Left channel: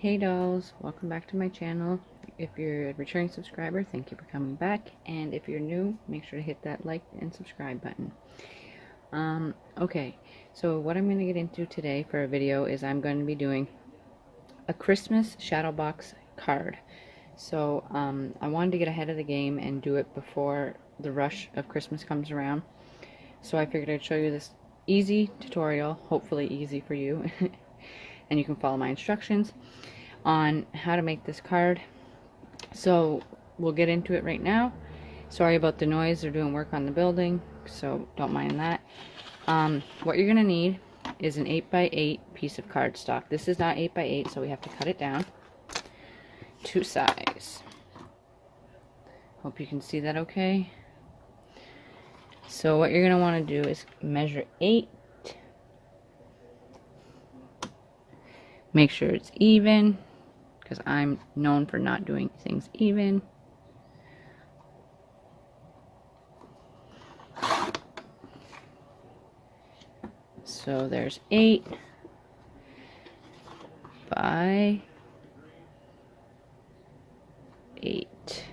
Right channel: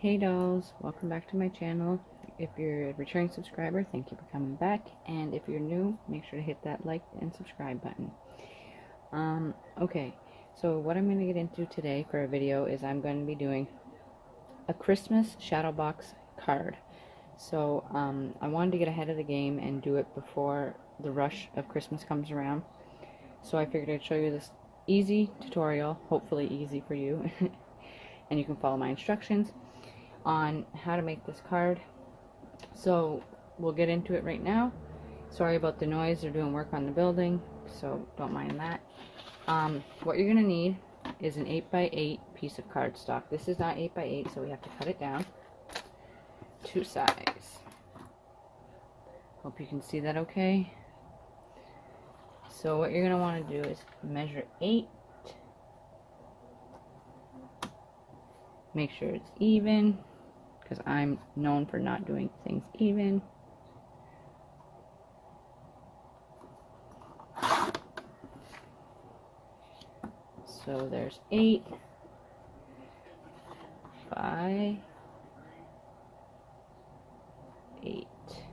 Hey dolls, welcome back to my channel. If you're a returning subscriber, thank you for coming back, and if you're new, make sure to hit that like and subscribe button. Okay, so what I'm going to get into today for a video is I'm going to be doing a Christmas Shadowbox card. So I wanted to get ahead of the game and do it before the rush of Christmas comes around. So I figured I'd show you this easy tutorial, hopefully easy for you, and you can follow my instructions on how to make this card. So we'll get into it right now. Sorry about the noise, they're doing work on the building, so don't mind that. What you're gonna need is an 8x8 piece of cardstock. This is not 8x8, so we have to cut it down to size. Hope you can see that okay. So what you're gonna want to do is measure 8. Make sure it's even, because I'm known for not doing things even. So there's 8 by 8.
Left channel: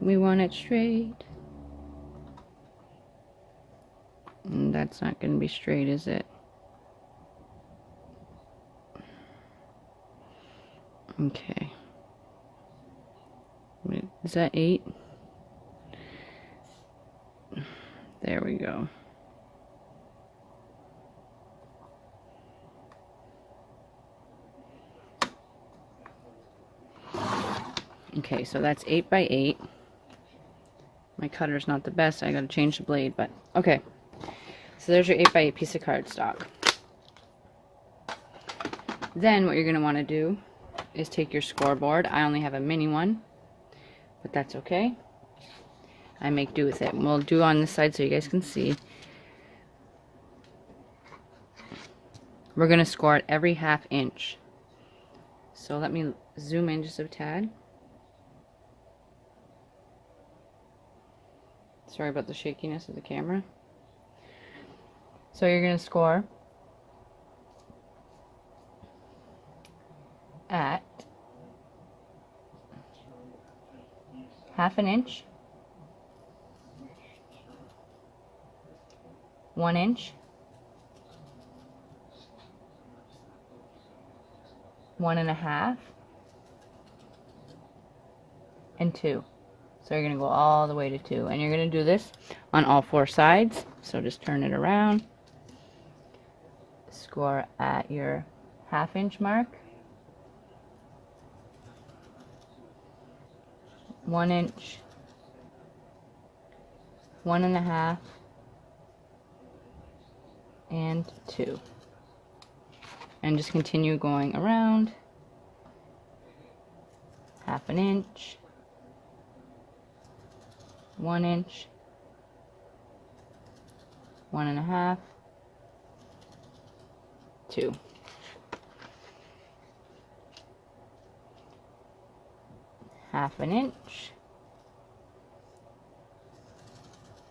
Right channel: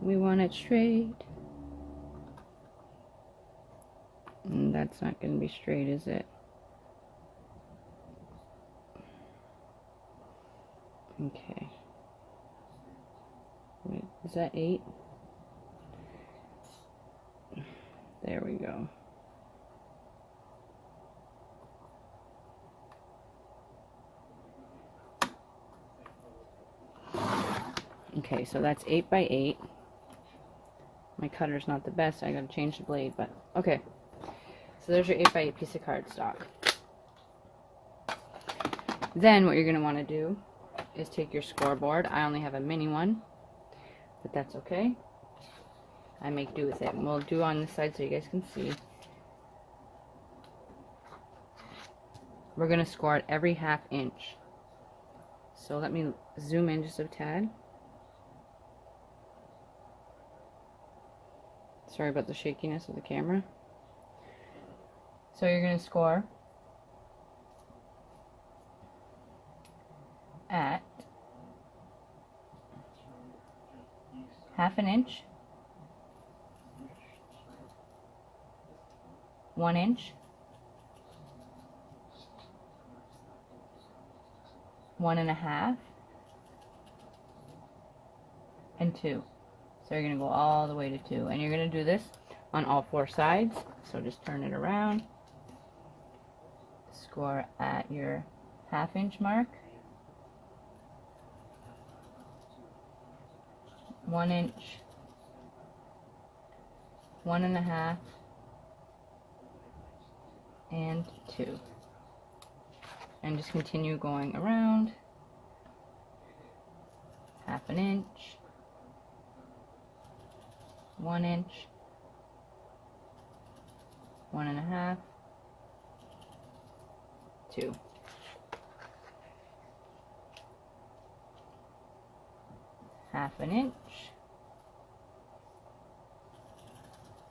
We want it straight. And that's not going to be straight, is it? Okay. Wait, is that 8? There we go. Okay, so that's 8 by 8. My cutter's not the best. I gotta change the blade, but okay. So there's your 8 by 8 piece of cardstock. Then what you're gonna want to do is take your scoreboard. I only have a mini one, but that's okay. I make do with it. And we'll do on this side so you guys can see. We're gonna score at every ½ inch. So let me zoom in just a tad. Sorry about the shakiness of the camera. So you're gonna score at ½ inch, 1 inch, 1.5, and 2. So you're going to go all the way to 2. And you're going to do this on all 4 sides. So just turn it around. Score at your ½ inch mark. 1 inch. 1.5. And 2. And just continue going around. ½ inch. 1 inch, 1.5, 2. ½ inch,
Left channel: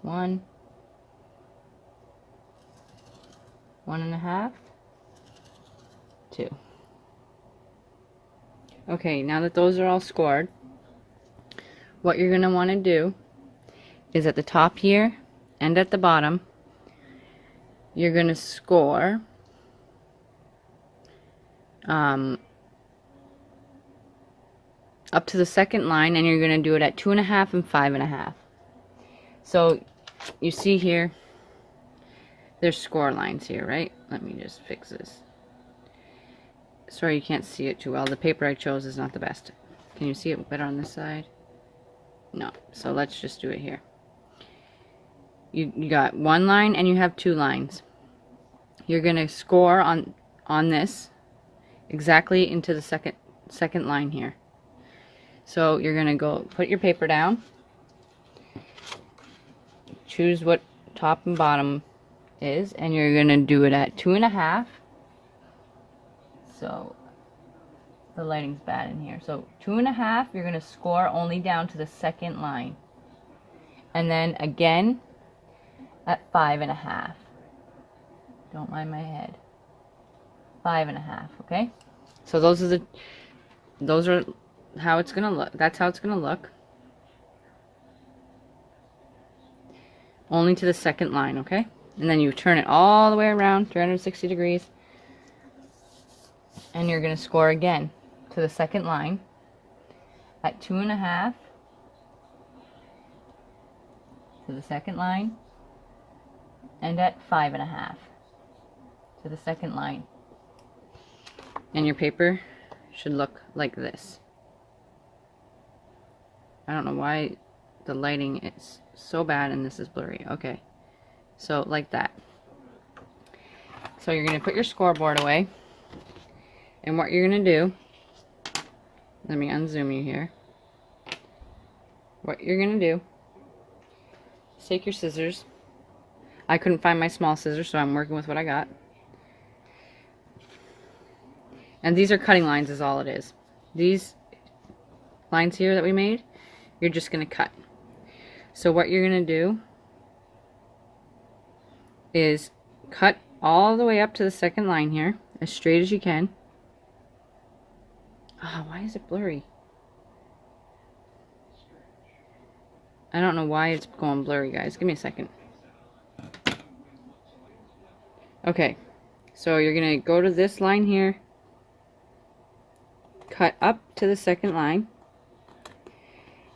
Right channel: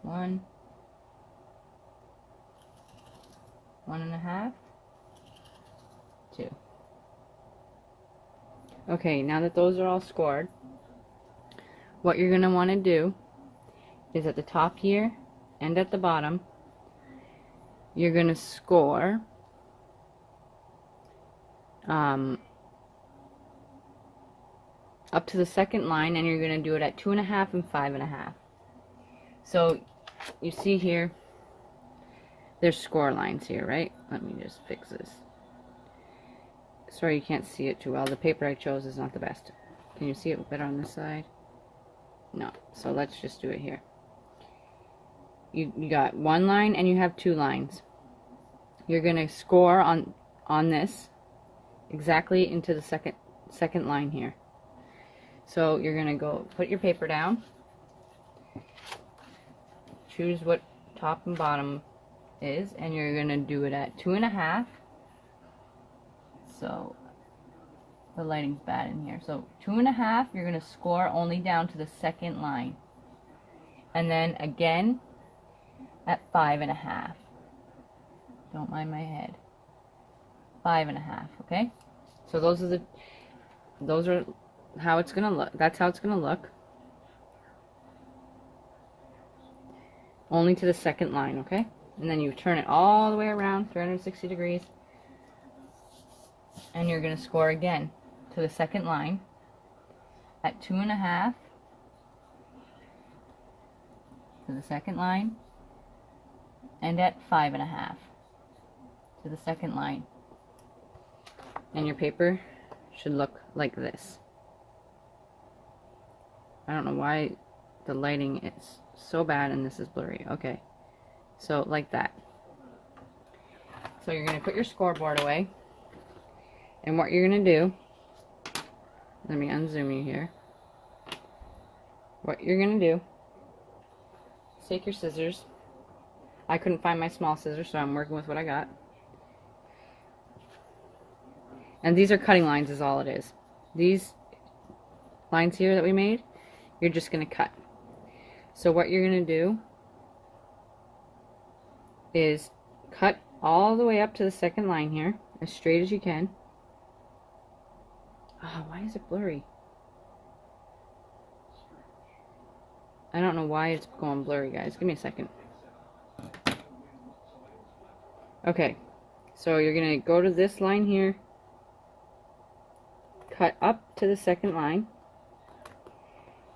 1, 1.5, 2. Okay, now that those are all scored, what you're going to want to do is at the top here and at the bottom, you're going to score up to the second line, and you're going to do it at 2.5 and 5.5. So you see here, there's score lines here, right? Let me just fix this. Sorry you can't see it too well. The paper I chose is not the best. Can you see it better on this side? No. So let's just do it here. You got 1 line and you have 2 lines. You're going to score on this exactly into the second line here. So you're going to go put your paper down. Choose what top and bottom is, and you're going to do it at 2.5. So the lighting's bad in here. So 2.5, you're going to score only down to the second line. And then again at 5.5. Don't mind my head. 5.5, okay? So those are how it's gonna look. That's how it's gonna look. Only to the second line, okay? And then you turn it all the way around, 360 degrees. And you're gonna score again to the second line at 2.5 to the second line, and at 5.5 to the second line. And your paper should look like this. I don't know why the lighting is so bad and this is blurry. Okay, so like that. So you're going to put your scoreboard away, and what you're going to do, let me unzoom you here. What you're going to do is take your scissors. I couldn't find my small scissors, so I'm working with what I got. And these are cutting lines is all it is. These lines here that we made, you're just going to cut. So what you're going to do is cut all the way up to the second line here, as straight as you can. Oh, why is it blurry? I don't know why it's going blurry, guys. Give me a second. Okay, so you're going to go to this line here, cut up to the second line.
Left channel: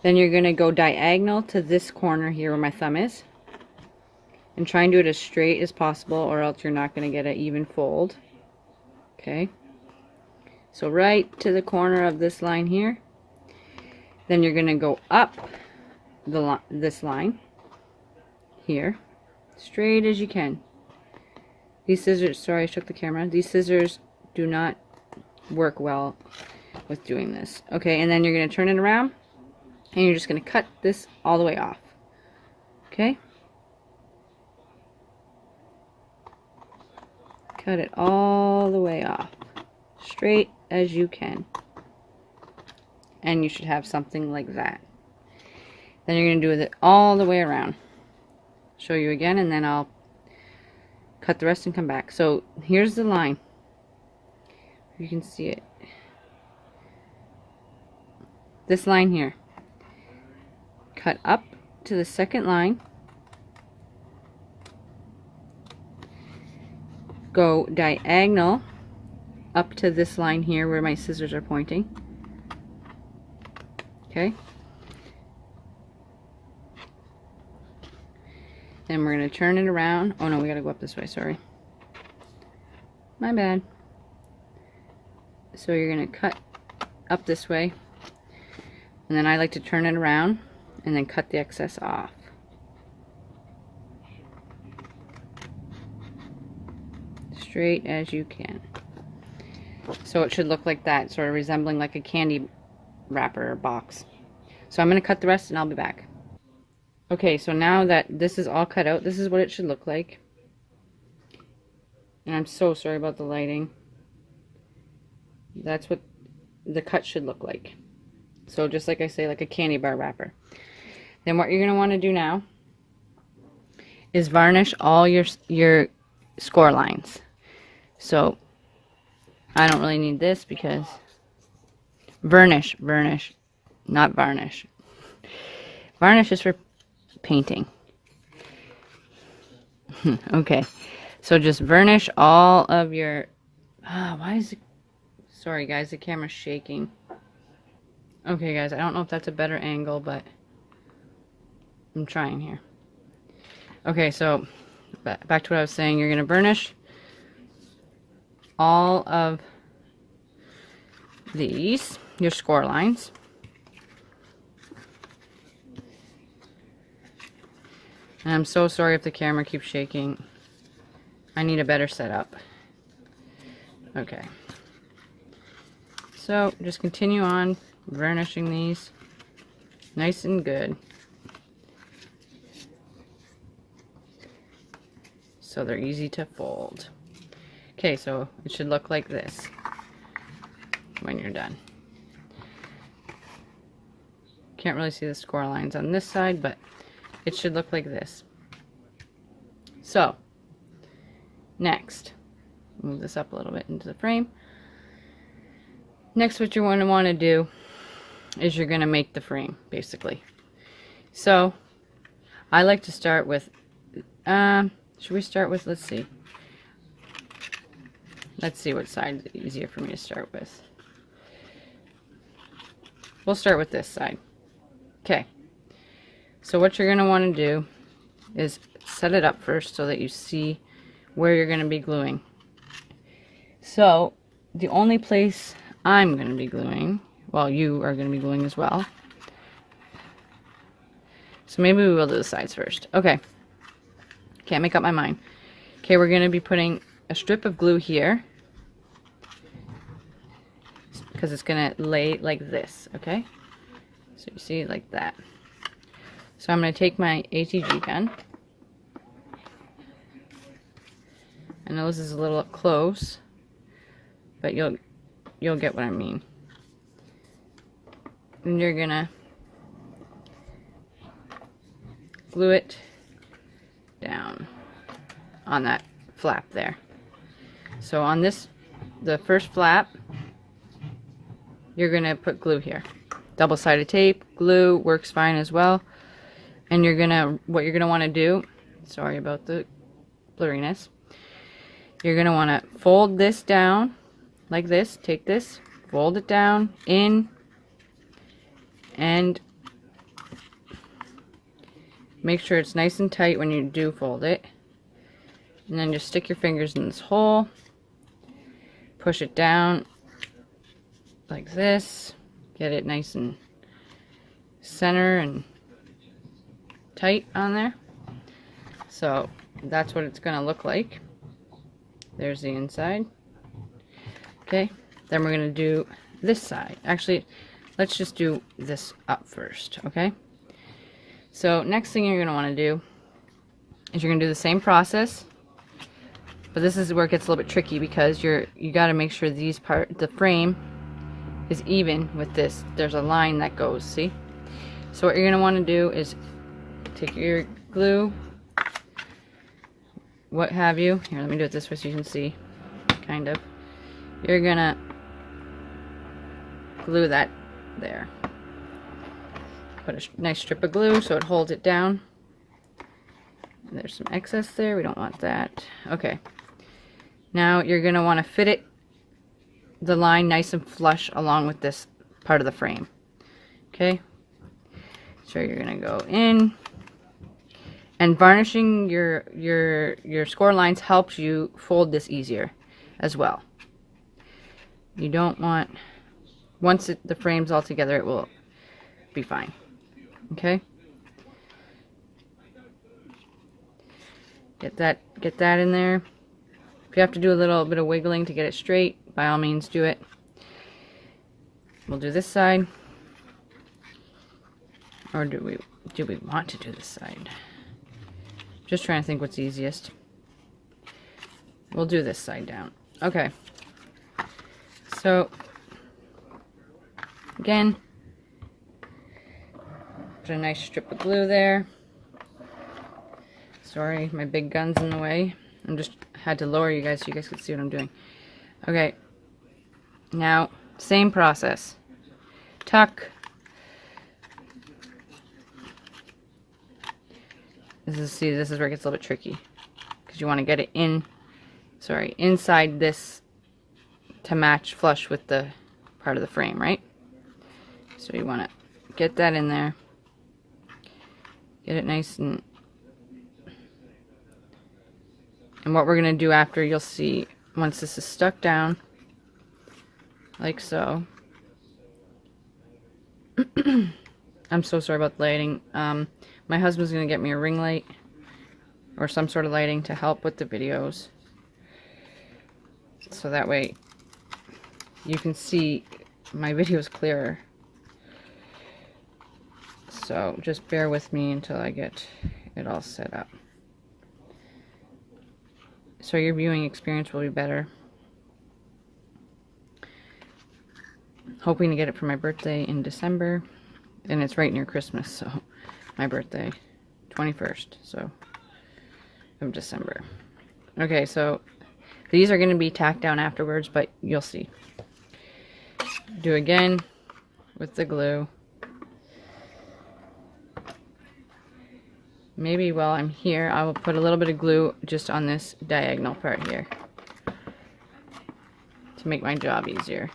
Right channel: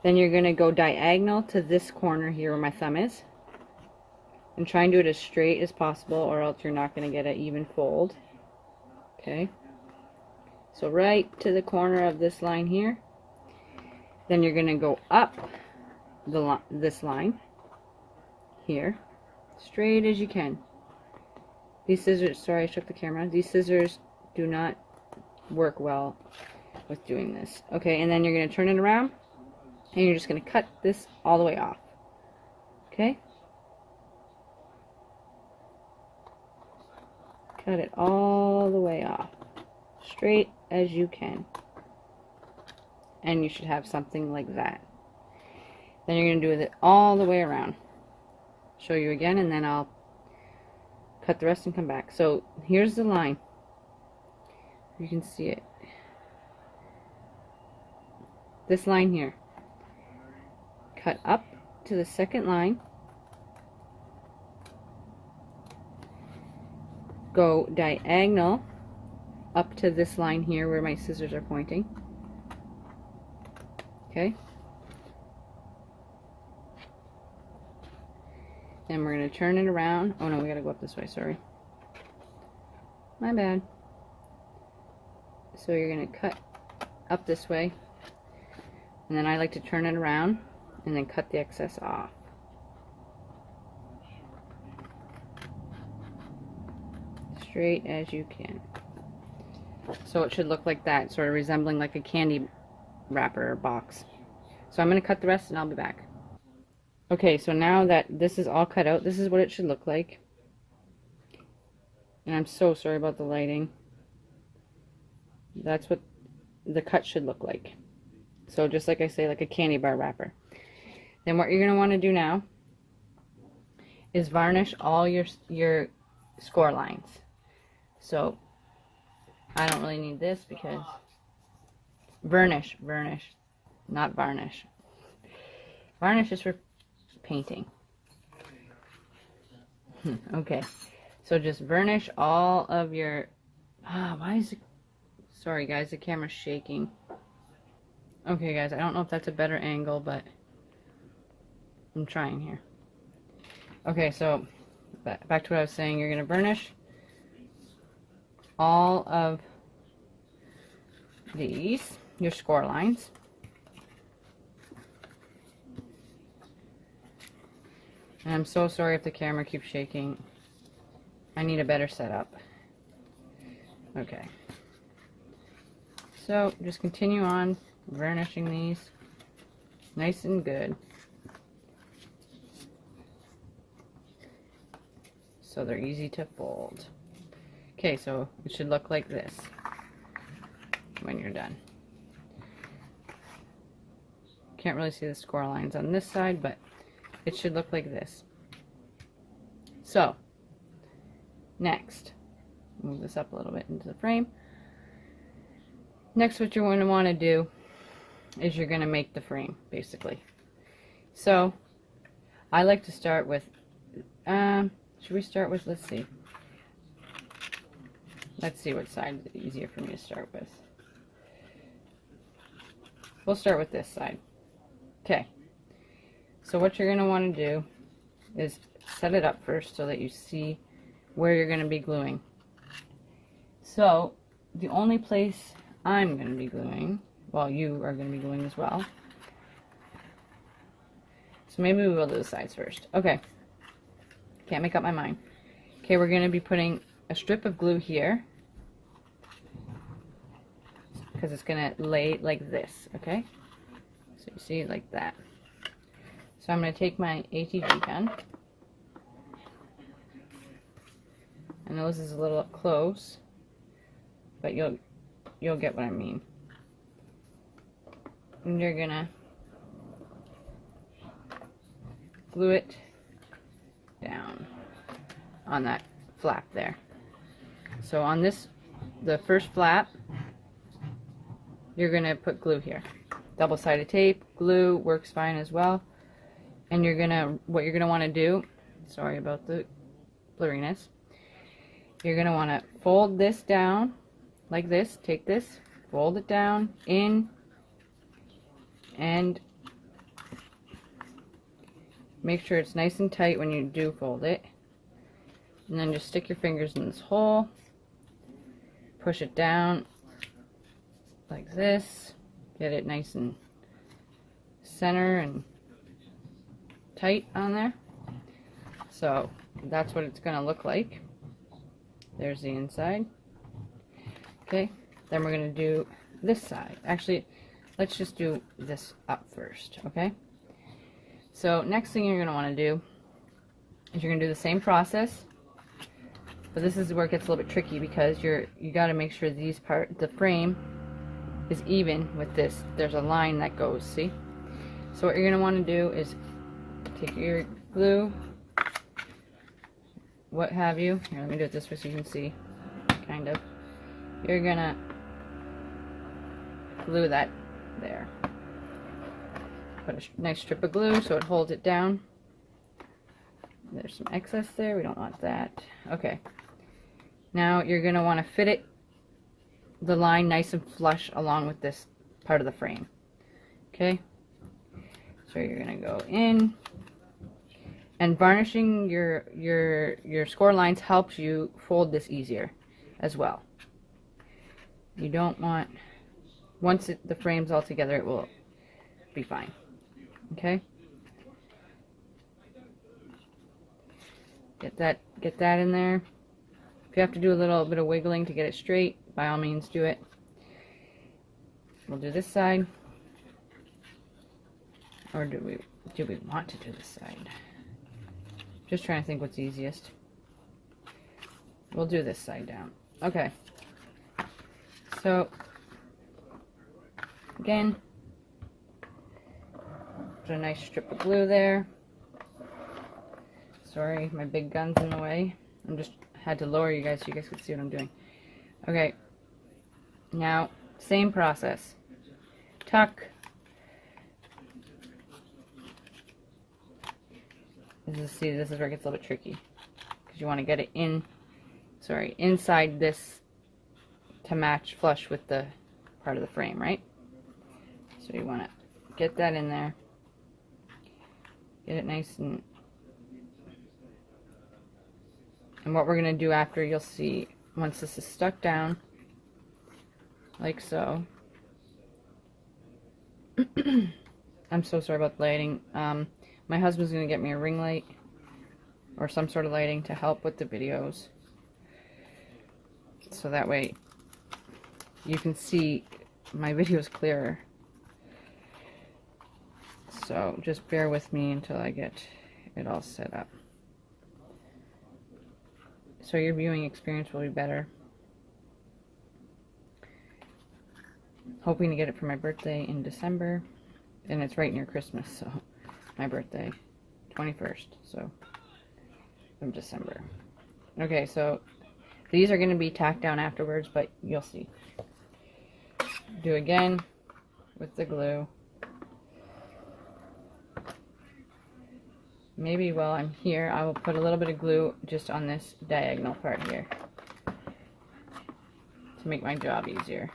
Then you're going to go diagonal to this corner here where my thumb is. And try and do it as straight as possible, or else you're not going to get an even fold. Okay. So right to the corner of this line here. Then you're going to go up this line here, straight as you can. These scissors, sorry I shook the camera, these scissors do not work well with doing this. Okay, and then you're going to turn it around, and you're just going to cut this all the way off. Okay? Cut it all the way off, straight as you can. And you should have something like that. Then you're going to do it all the way around. Show you again, and then I'll cut the rest and come back. So here's the line. You can see it. This line here. Cut up to the second line. Go diagonal up to this line here where my scissors are pointing. Okay. Then we're going to turn it around. Oh no, we got to go up this way, sorry. My bad. So you're going to cut up this way. And then I like to turn it around and then cut the excess off. Straight as you can. So it should look like that, sort of resembling like a candy wrapper box. So I'm going to cut the rest and I'll be back. Okay, so now that this is all cut out, this is what it should look like. And I'm so sorry about the lighting. That's what the cut should look like. So just like I say, like a candy bar wrapper. Then what you're going to want to do now is varnish all your score lines. So I don't really need this because varnish, not varnish. Varnish is for painting. Okay, so just varnish all of your, why is it, sorry guys, the camera's shaking. Okay guys, I don't know if that's a better angle, but I'm trying here. Okay, so back to what I was saying. You're going to burnish all of these, your score lines. And I'm so sorry if the camera keeps shaking. I need a better setup. Okay. So just continue on vernishing these nice and good. So they're easy to fold. Okay, so it should look like this when you're done. Can't really see the score lines on this side, but it should look like this. So, next, move this up a little bit into the frame. Next, what you're going to want to do is you're going to make the frame, basically. So I like to start with, should we start with, let's see what side is easier for me to start with. We'll start with this side. Okay, so what you're going to want to do is set it up first so that you see where you're going to be gluing. So the only place I'm going to be gluing, well, you are going to be gluing as well. So maybe we will do the sides first. Okay, can't make up my mind. Okay, we're going to be putting a strip of glue here because it's going to lay like this, okay? So you see, like that. So I'm going to take my ATG gun. I know this is a little up close, but you'll get what I mean. And you're going to glue it down on that flap there. So on this, the first flap, you're going to put glue here. Double-sided tape, glue works fine as well. And what you're going to want to do, sorry about the blurriness, you're going to want to fold this down like this. Take this, fold it down in, and make sure it's nice and tight when you do fold it. And then just stick your fingers in this hole, push it down like this, get it nice and center and tight on there. So that's what it's going to look like. There's the inside. Okay, then we're going to do this side. Actually, let's just do this up first, okay? So next thing you're going to want to do is you're going to do the same process, but this is where it gets a little bit tricky because you got to make sure the frame is even with this. There's a line that goes, see? So what you're going to want to do is take your glue, what have you. Here, let me do it this way so you can see, kind of. You're going to glue that there. Put a nice strip of glue so it holds it down. There's some excess there, we don't want that. Okay, now you're going to want to fit the line nice and flush along with this part of the frame. Okay, so you're going to go in, and varnishing your score lines helps you fold this easier as well. You don't want, once the frame's all together, it will be fine. Okay, get that in there. If you have to do a little bit of wiggling to get it straight, by all means do it. We'll do this side, or do we want to do this side? Just trying to think what's easiest. We'll do this side down. Okay, so again, put a nice strip of glue there. Sorry, my big gun's in the way. I just had to lower you guys so you guys could see what I'm doing. Okay, now same process. Tuck. This is where it gets a little bit tricky because you want to get it inside this to match flush with the part of the frame, right? So you want to get that in there, get it nice and what we're going to do after, you'll see once this is stuck down like so. I'm so sorry about the lighting. My husband's going to get me a ring light or some sort of lighting to help with the videos, so that way you can see my videos clearer. So just bear with me until I get it all set up. So your viewing experience will be better. Hoping to get it for my birthday in December, and it's right near Christmas, so my birthday 21st of December. Okay, so These are going to be tacked down afterwards, but you'll see. Do again with the glue. Maybe while I'm here, I will put a little bit of glue just on this diagonal part here to make my job easier.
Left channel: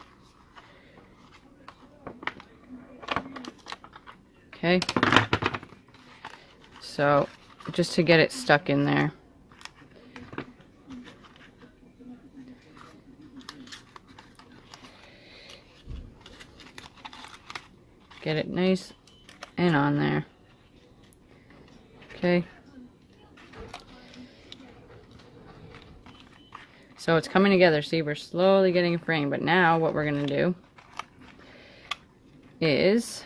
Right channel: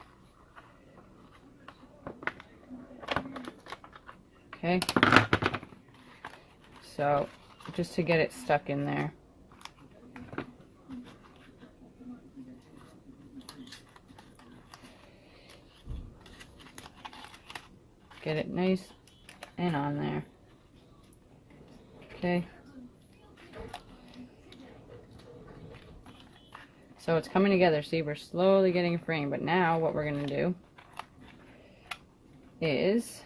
Okay. So, just to get it stuck in there. Get it nice and on there. Okay. So it's coming together. See, we're slowly getting a frame, but now what we're going to do is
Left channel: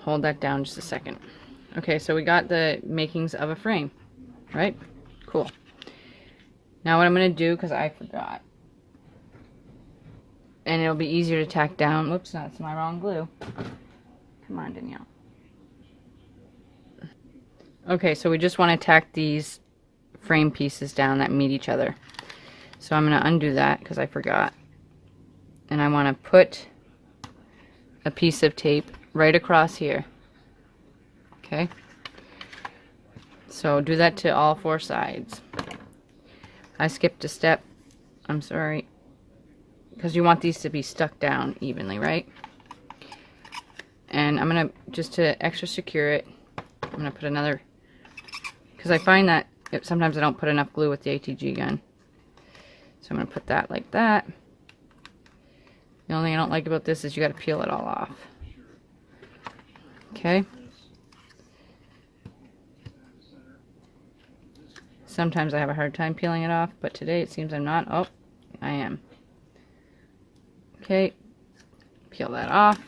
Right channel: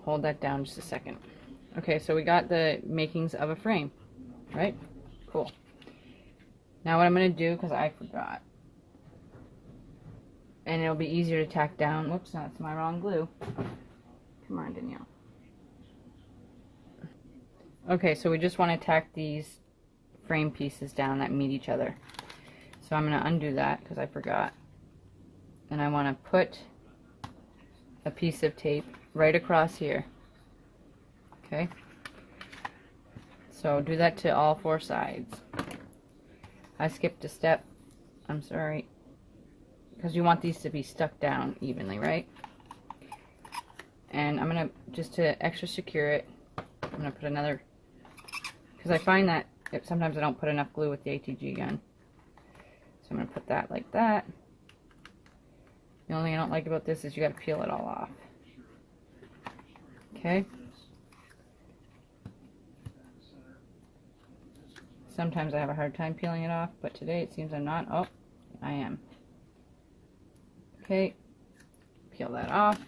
hold that down just a second. Okay, so we got the makings of a frame, right? Cool. Now what I'm going to do, because I forgot, and it'll be easier to tack down. Whoops, that's my wrong glue. Come on, Danielle. Okay, so we just want to tack these frame pieces down that meet each other. So I'm going to undo that because I forgot. And I want to put a piece of tape right across here. Okay? So do that to all 4 sides. I skipped a step. I'm sorry. Because you want these to be stuck down evenly, right? And I'm going to, just to extra secure it, I'm going to put another, because I find that sometimes I don't put enough glue with the ATG gun. So I'm going to put that like that. The only thing I don't like about this is you got to peel it all off. Okay. Sometimes I have a hard time peeling it off, but today it seems I'm not. Oh, I am. Okay, peel that off.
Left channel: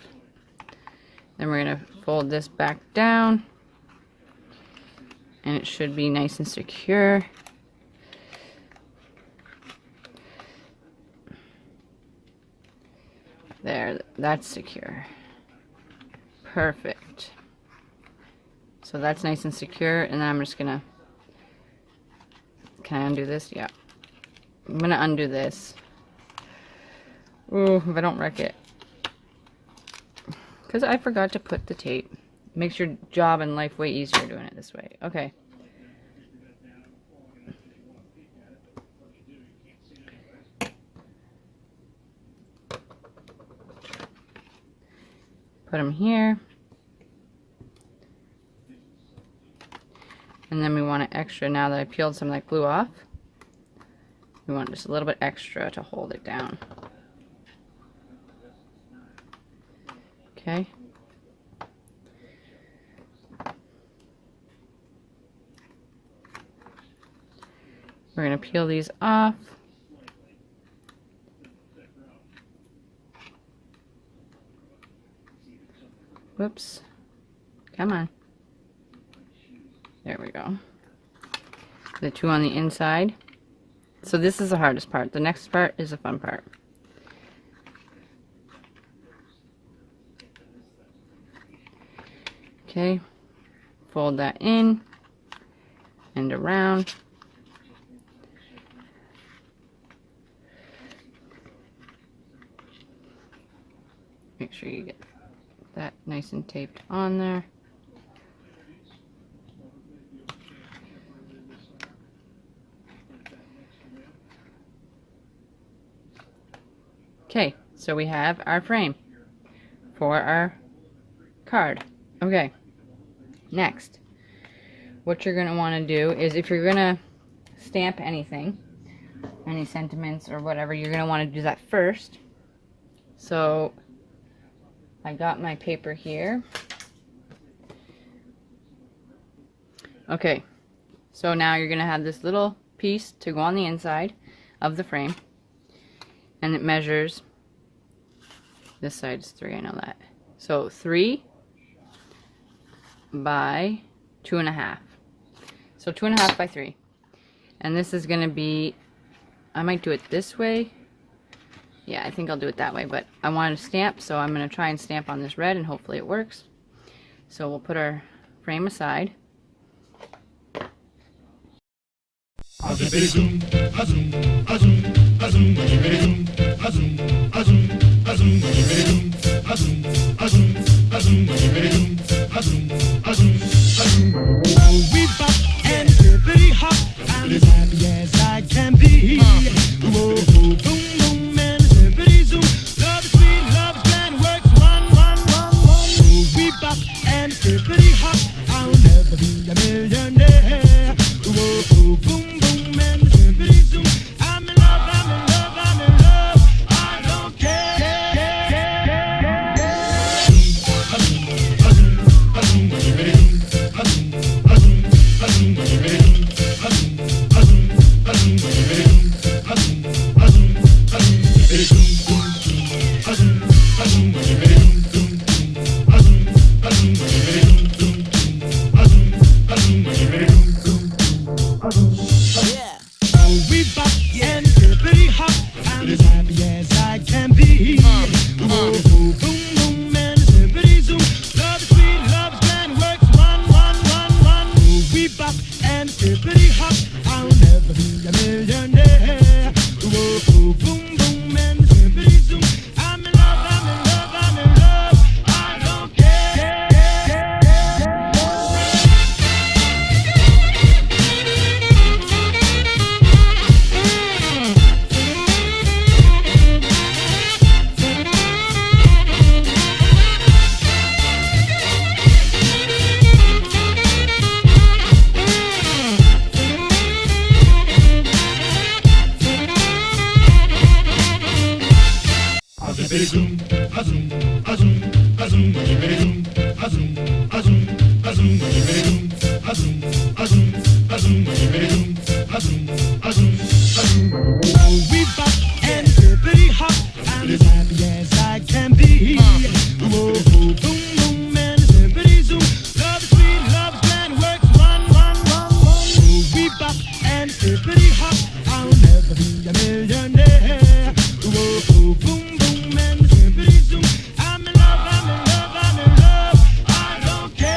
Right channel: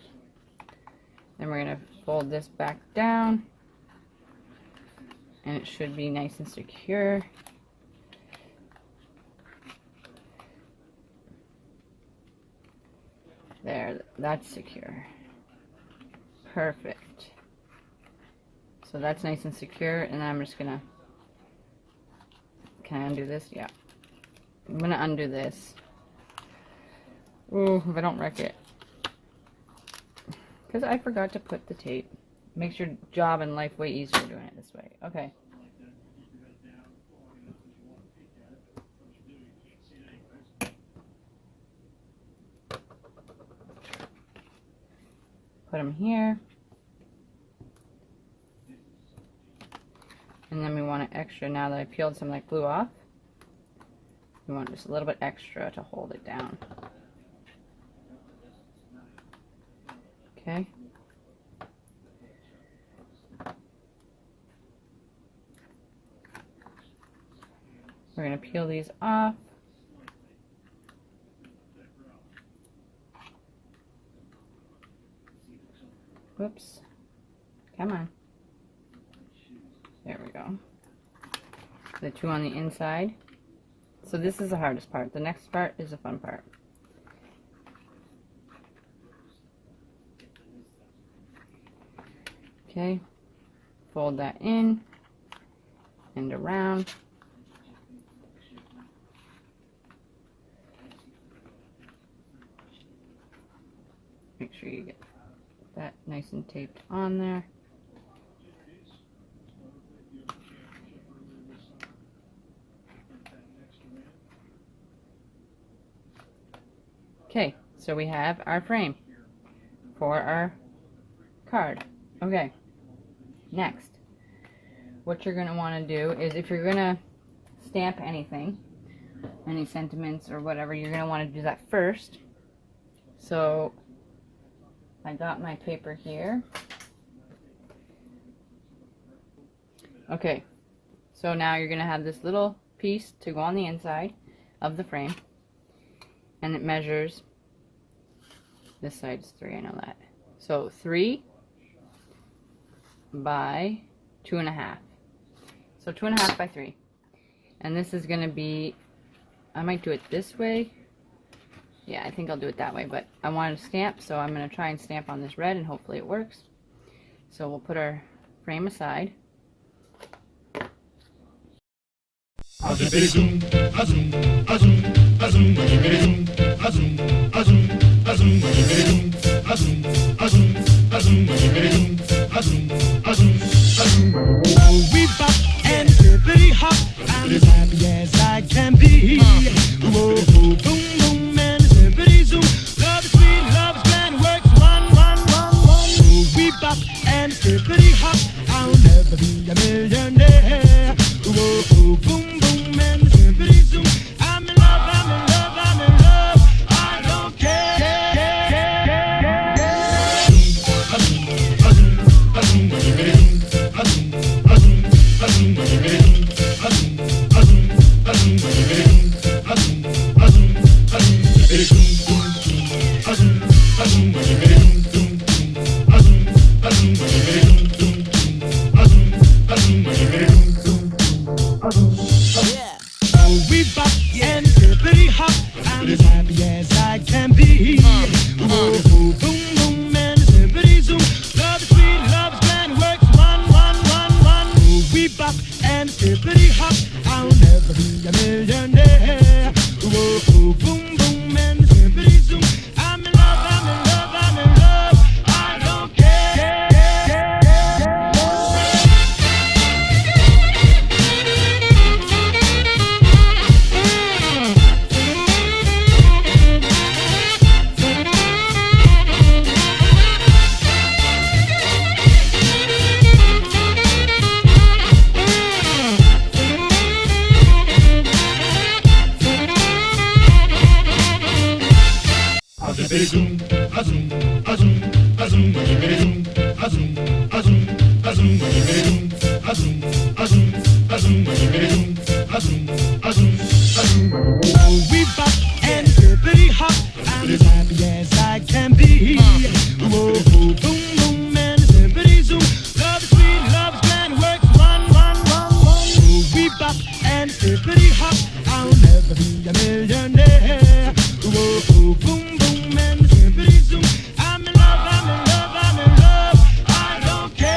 Then we're going to fold this back down. And it should be nice and secure. There, that's secure. Perfect. So that's nice and secure, and then I'm just going to, can I undo this? Yeah. I'm going to undo this. Ooh, if I don't wreck it. Because I forgot to put the tape. Makes your job in life way easier doing it this way. Okay. Put them here. And then we want to extra, now that I peeled some of that glue off, we want just a little bit extra to hold it down. Okay. We're going to peel these off. Whoops. Come on. There we go. The 2 on the inside. So this is the hardest part. The next part is the fun part. Okay. Fold that in and around. Make sure you get that nice and taped on there. Okay, so we have our frame for our card. Okay, next, what you're going to want to do is, if you're going to stamp anything, any sentiments or whatever, you're going to want to do that first. So I got my paper here. Okay, so now you're going to have this little piece to go on the inside of the frame, and it measures, this side is 3, I know that. So 3 by 2.5. So 2.5 by 3. And this is going to be, I might do it this way. Yeah, I think I'll do it that way, but I wanted to stamp, so I'm going to try and stamp on this red, and hopefully it works. So we'll put our frame aside. We bop and hippity hop. I'm as happy as I can be. Whoa, boom, boom, and hippity zoom. Love is sweet, love is grand, works one. We bop and hippity hop. I'll never be a millionaire. Whoa, boom, boom, and hippity zoom. I'm in love, I'm in love, I'm in love. I don't care. We bop and hippity hop. I'm as happy as I can be. Whoa, boom, boom, and hippity zoom. Love is sweet, love is grand, works one. We bop and hippity hop. I'll never be a millionaire. Whoa, boom, boom, and hippity zoom. I'm in love, I'm in love, I'm in love. I don't care. We bop and hippity hop. I'm as happy as I can be. Whoa, boom, boom, and hippity zoom. Love is sweet, love is grand, works one. We bop and hippity hop. I'll never be a millionaire. Whoa, boom, boom, and hippity zoom. I'm in love, I'm in love, I'm in love. I don't care.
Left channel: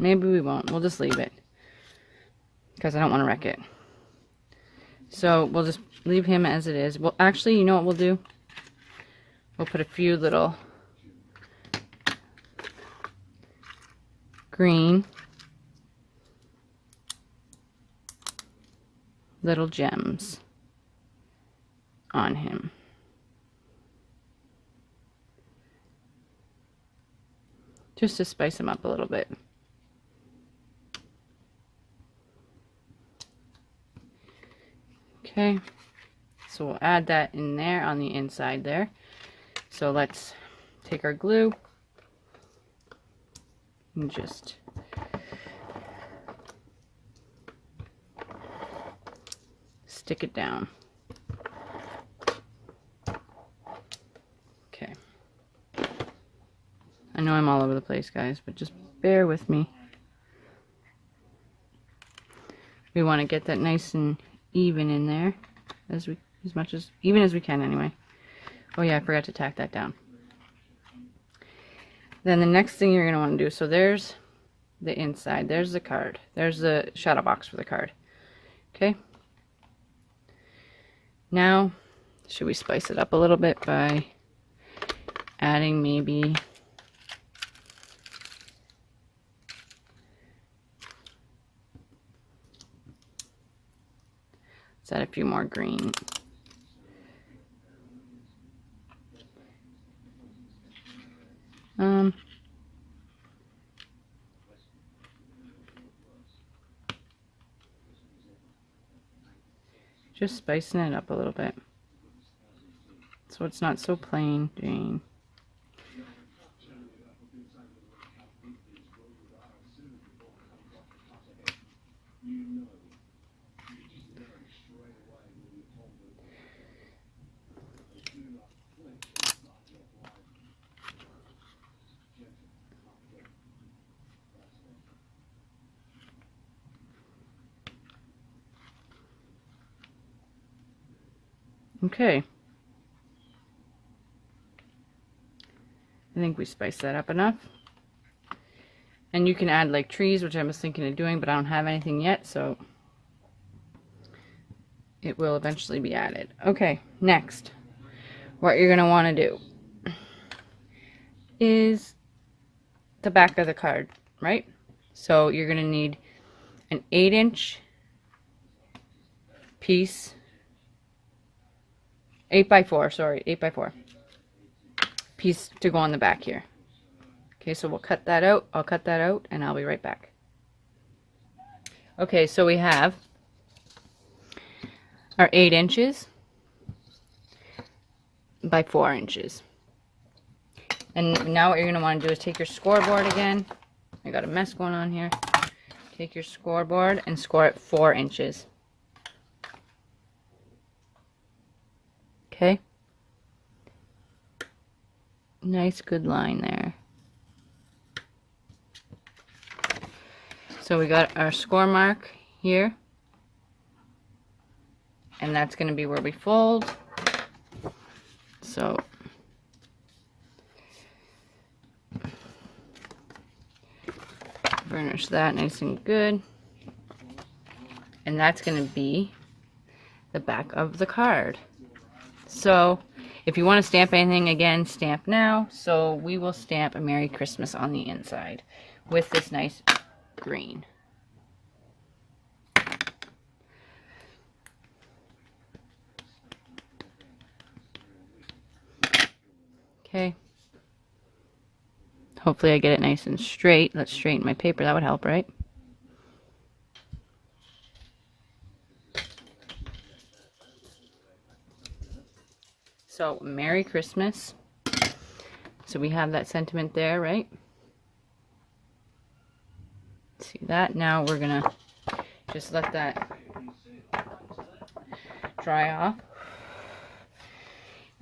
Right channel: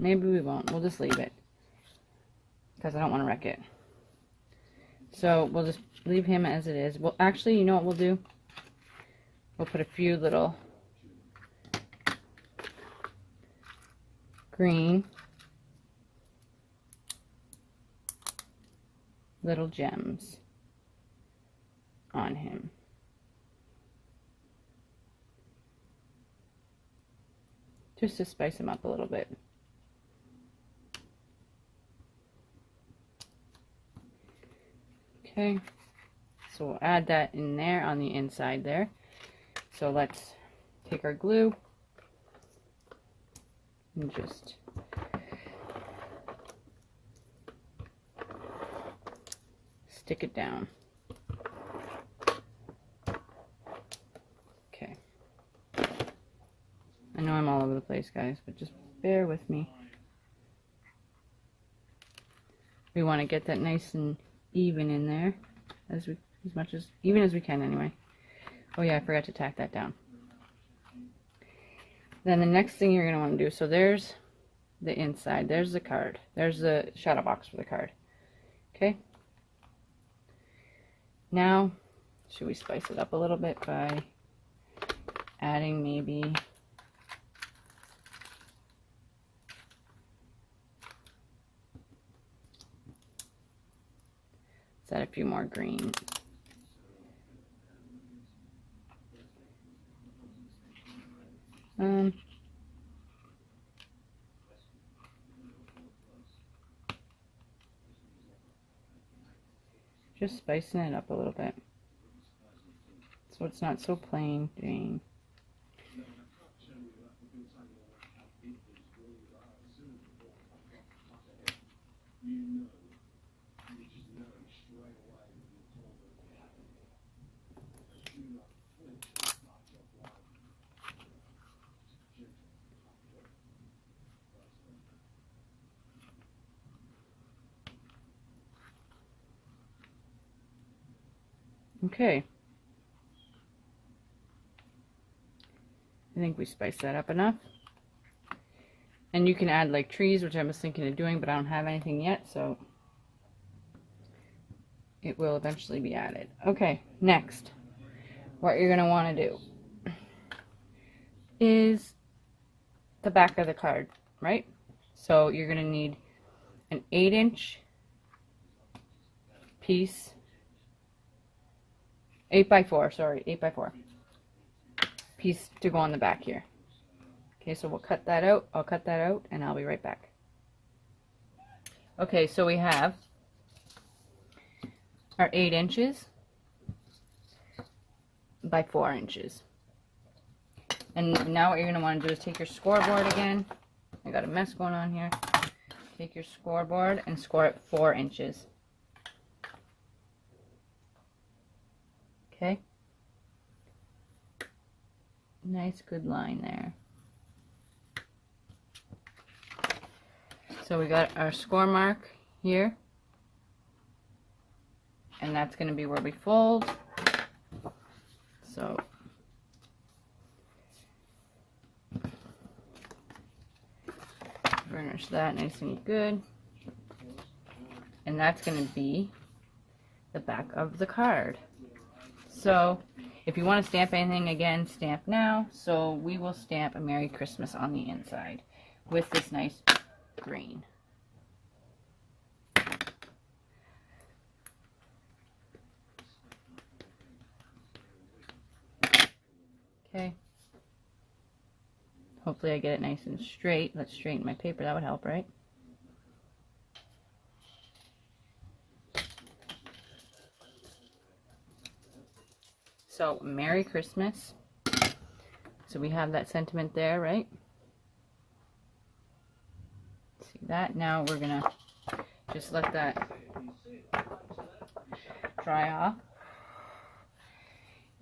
Maybe we won't. We'll just leave it because I don't want to wreck it. So we'll just leave him as it is. Well, actually, you know what we'll do? We'll put a few little green little gems on him. Just to spice him up a little bit. Okay, so we'll add that in there on the inside there. So let's take our glue and just stick it down. Okay. I know I'm all over the place, guys, but just bear with me. We want to get that nice and even in there as even as we can anyway. Oh yeah, I forgot to tack that down. Then the next thing you're going to want to do, so there's the inside, there's the card, there's the shadow box for the card. Okay, now should we spice it up a little bit by adding maybe let's add a few more green. Just spicing it up a little bit so it's not so plain Jane. Okay. I think we spiced that up enough. And you can add like trees, which I was thinking of doing, but I don't have anything yet, so it will eventually be added. Okay, next, what you're going to want to do is the back of the card, right? So you're going to need an 8-inch piece, 8x4, sorry, 8x4 piece to go on the back here. Okay, so we'll cut that out. I'll cut that out and I'll be right back. Okay, so we have our 8 inches by 4 inches. And now what you're going to want to do is take your scoreboard again. I got a mess going on here. Take your scoreboard and score it 4 inches. Okay. Nice, good line there. So we got our score mark here. And that's going to be where we fold. So burnish that nice and good. And that's going to be the back of the card. So if you want to stamp anything, again, stamp now. So we will stamp a Merry Christmas on the inside with this nice green. Okay. Hopefully I get it nice and straight. Let's straighten my paper. That would help, right? So, Merry Christmas. So we have that sentiment there, right? See that? Now we're going to just let that dry off.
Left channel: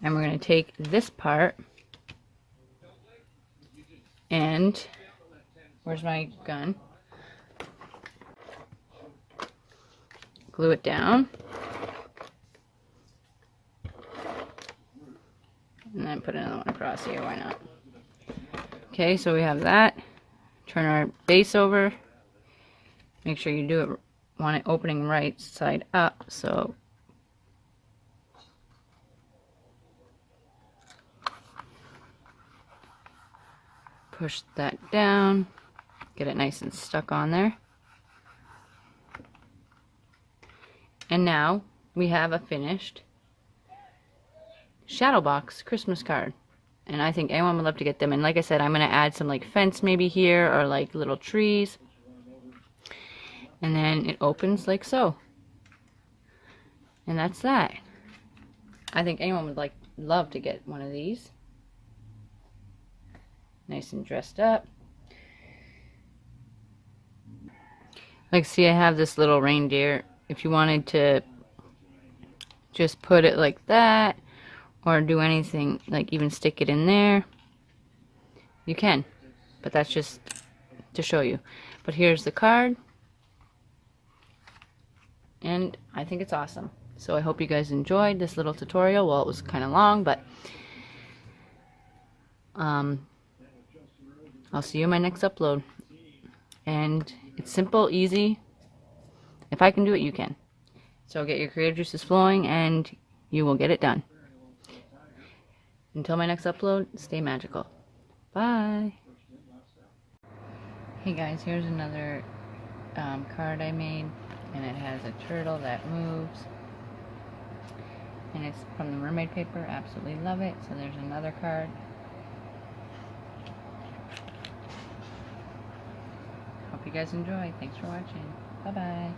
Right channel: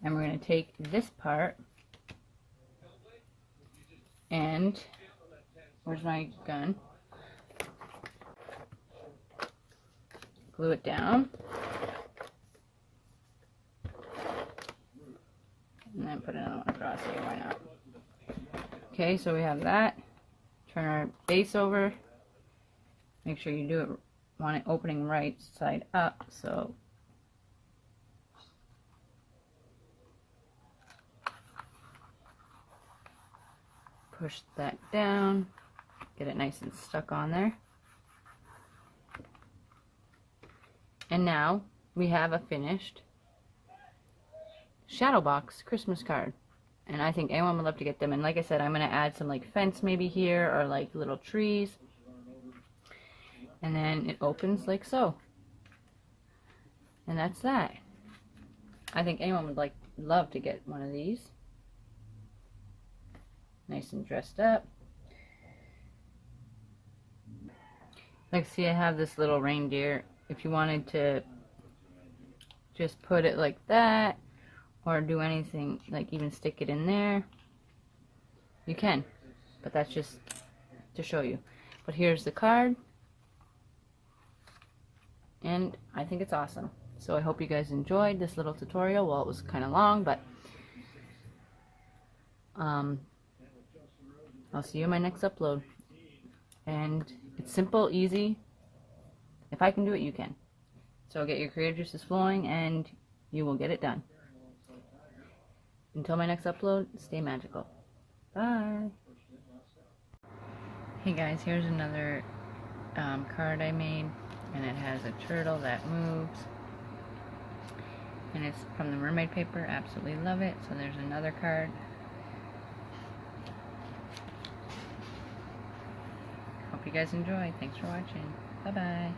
And we're going to take this part and, where's my gun? Glue it down. And then put another one across here, why not? Okay, so we have that. Turn our base over. Make sure you do it, want it opening right side up, so push that down, get it nice and stuck on there. And now we have a finished Shadowbox Christmas card. And I think anyone would love to get them. And like I said, I'm going to add some like fence maybe here or like little trees. And then it opens like so. And that's that. I think anyone would love to get one of these. Nice and dressed up. Like, see, I have this little reindeer. If you wanted to just put it like that, or do anything, like even stick it in there, you can. But that's just to show you. But here's the card. And I think it's awesome. So I hope you guys enjoyed this little tutorial. Well, it was kind of long, but I'll see you in my next upload. And it's simple, easy. If I can do it, you can. So get your creative juices flowing and you will get it done. Until my next upload, stay magical. Bye. Hey guys, here's another card I made. And it has a turtle that moves. And it's from the mermaid paper. Absolutely love it. So there's another card. Hope you guys enjoy. Thanks for watching. Bye-bye.